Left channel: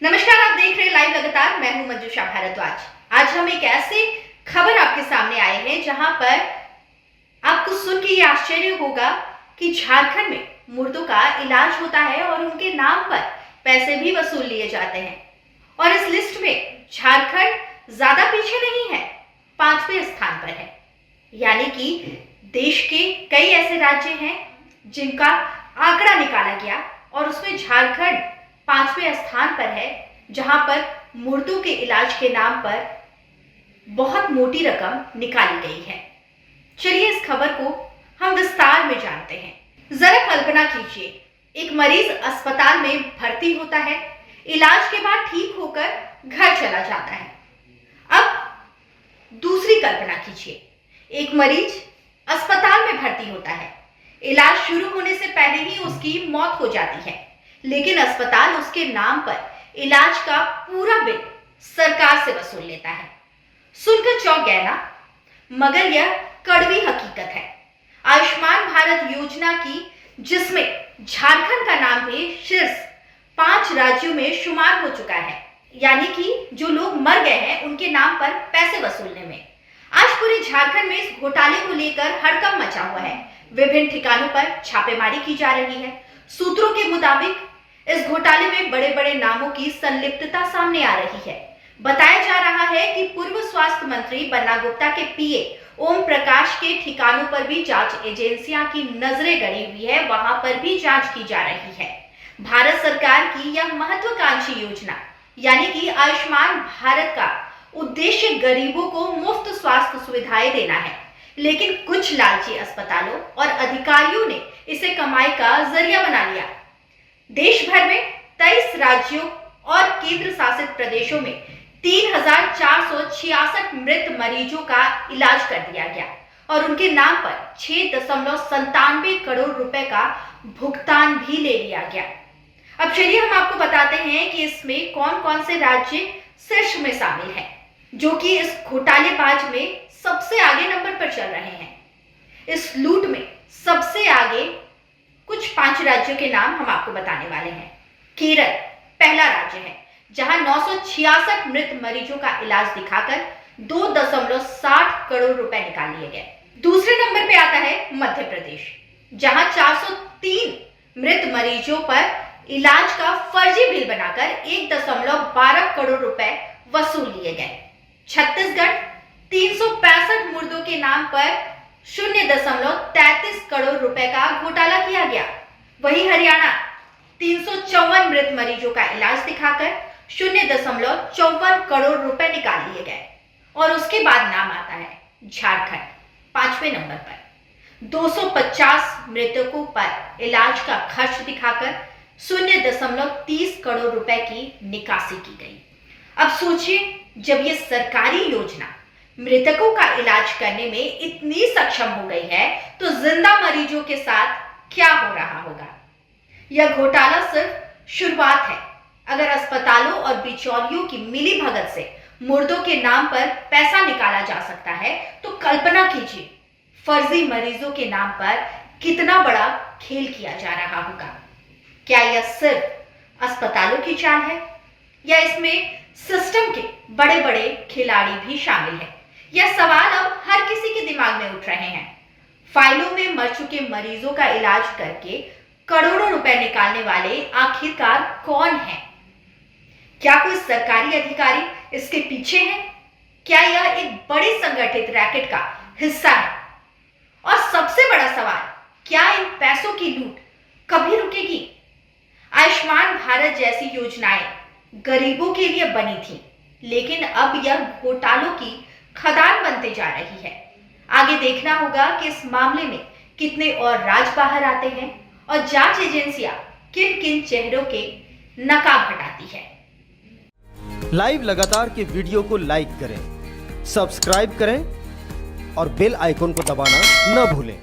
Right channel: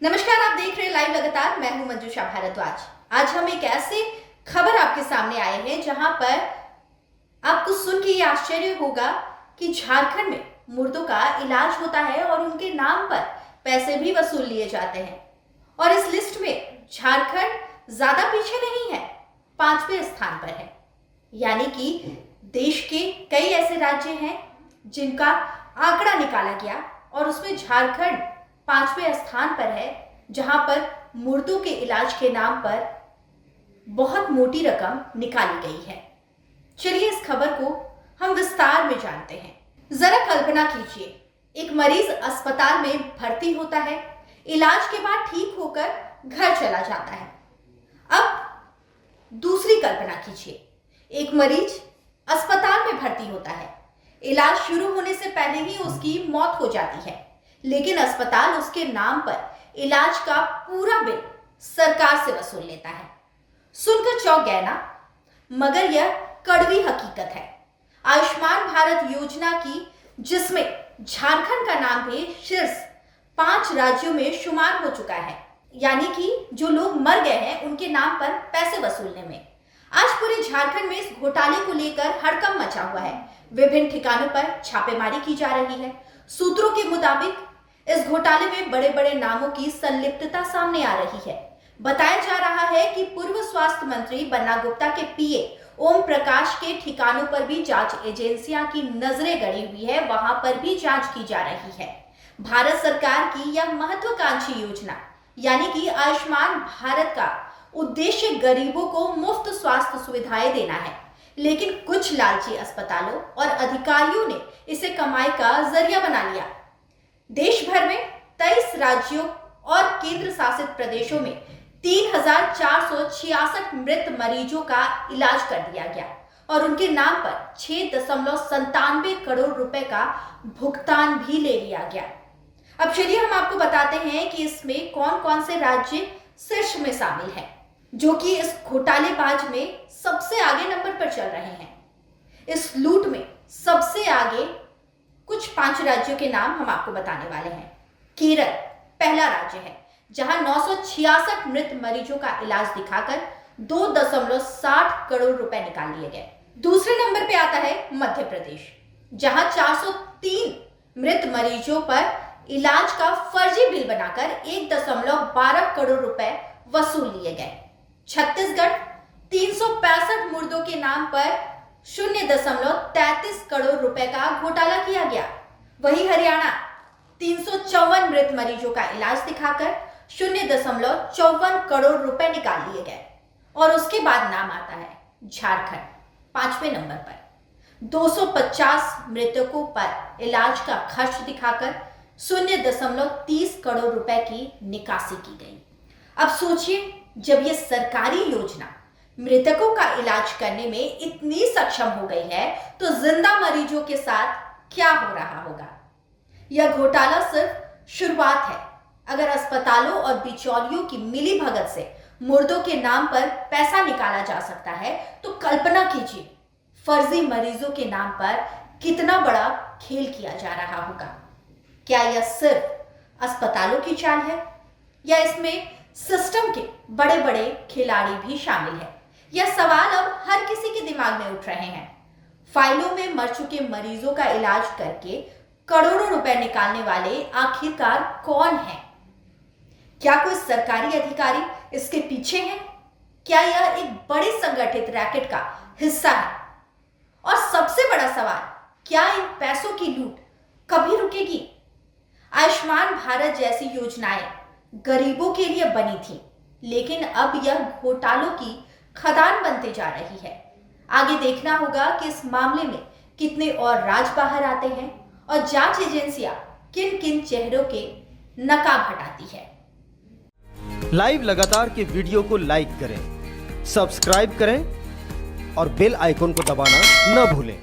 नमस्कार, आप देख रहे हैं लाइव लगातार। मैं हूं मंजूषा भारद्वाज। आज हम एक ऐसे खबर आपके सामने आए हैं जहां पर आपको सुन के ये आश्चर्य होगा कि झारखंड में मुर्दों का इलाज होता है और उनके नाम पर पैसे भी वसूल लिए जाते हैं। और इस लिस्ट में झारखंड ज्यादा पीछे नहीं है, 5वें स्थान पर है। यानी कि देश के कई ऐसे राज्य हैं जिनका आंकड़ा निकाला गया और उसमें झारखंड 5वें स्थान पर है, जहां पर मुर्दों के इलाज के नाम पर बहुत मोटी रकम निकाली गई है। चलिए इस खबर को हम विस्तार में जानते हैं। जरा कल्पना कीजिए, एक मरीज अस्पताल में भर्ती होता है, इलाज के बाद ठीक होकर घर चला जाता है। अब दूसरी कल्पना कीजिए, एक मरीज अस्पताल में भर्ती होता है, इलाज शुरू होने से पहले ही उसकी मौत हो जाती है, लेकिन अस्पताल उसके नाम पर इलाज का पूरा बिल सरकार से वसूल लेता है। सुनकर चौंक गए ना? मगर यह कड़वी हकीकत है। आयुष्मान भारत योजना की, जिसमें झारखंड का नाम भी शीर्ष 5 राज्यों में शुमार हो चुका है, यानी कि जो लोग मर गए हैं उनके नाम पर पैसे वसूलने में। आज पूरे झारखंड में इस घोटाले को लेकर हड़कंप मचा हुआ है। विभिन्न ठिकानों पर छापेमारी की जा रही है। सूत्रों के मुताबिक इस घोटाले में बड़े बड़े नामों की संलिप्तता सामने आ रही है। बताया जा रहा है कि पूर्व स्वास्थ्य मंत्री बन्ना गुप्ता के पीए ओम प्रकाश के ठिकानों पर भी जांच एजेंसियां की नजरें गड़ी हुई है, वहां पर भी जांच की जा रही है। भारत सरकार की यह महत्वाकांक्षी योजना यानी कि आयुष्मान भारत का उद्देश्य गरीबों को मुफ्त स्वास्थ्य सुविधाएं देना है, लेकिन कुछ लालची अस्पतालों और अधिकारियों ने इसे कमाई का जरिया बना लिया। देश भर में 23 राज्यों और केंद्र शासित प्रदेशों में 3,466 मृत मरीजों का इलाज कर दिया गया और उनके नाम पर 6.97 करोड़ रुपए का भुगतान भी ले लिया गया। अब चलिए हम आपको बताते हैं कि इसमें कौन कौन से राज्य शीर्ष में शामिल हैं, जो कि इस घोटालेबाज में सबसे आगे नंबर पर चल रहे हैं। इस लूट में सबसे आगे कुछ 5 राज्यों के नाम हम आपको बताने वाले हैं। केरल पहला राज्य है, जहां 966 मृत मरीजों का इलाज दिखाकर 2.60 करोड़ रुपए निकाल लिए गए। दूसरे नंबर पे आता है मध्य प्रदेश, जहां 403 मृत मरीजों पर इलाज का फर्जी बिल बनाकर 1.12 करोड़ रुपए वसूल लिए गए। छत्तीसगढ़ 365 मुर्दों के नाम पर 0.33 करोड़ रुपए का घोटाला किया गया। वहीं हरियाणा 354 मृत मरीजों का इलाज दिखाकर 0.54 करोड़ रुपए निकाल लिए गए। और उसके बाद नाम आता है झारखंड 5वें नंबर पर। 250 मृतकों पर इलाज का खर्च दिखाकर 0.30 करोड़ रुपए की निकासी की गई। अब सोचिए, जब यह सरकारी योजना मृतकों का इलाज करने में इतनी सक्षम हो गई है, तो जिंदा मरीजों के साथ क्या हो रहा होगा? यह घोटाला सिर्फ शुरुआत है। अगर अस्पतालों और बिचौलियों की मिली भगत से मुर्दों के नाम पर पैसा निकाला जा सकता है, तो कल्पना कीजिए फर्जी मरीजों के नाम पर कितना बड़ा खेल किया जा रहा होगा। क्या यह सिर्फ अस्पतालों की चाल है, या इसमें सिस्टम के बड़े बड़े खिलाड़ी भी शामिल हैं? यह सवाल अब हर किसी के दिमाग में उठ रहे हैं। फाइलों में मर चुके मरीजों का इलाज करके करोड़ों रुपए निकालने वाले आखिरकार कौन हैं? क्या कोई सरकारी अधिकारी इसके पीछे है? क्या यह एक बड़ी संगठित रैकेट का हिस्सा है? और सबसे बड़ा सवाल, क्या इन पैसों की लूट कभी रुकेगी? आयुष्मान भारत जैसी योजनाएं गरीबों के लिए बनी थी, लेकिन अब यह घोटालों की खदान बनते जा रही है। आगे देखना होगा कि इस मामले में कितने और राज बाहर आते हैं और जांच एजेंसियां किन किन चेहरों के नकाब हटाती है। लाइव लगातार के वीडियो को लाइक करें, सब्सक्राइब करें और बेल आइकन को दबाना न भूलें।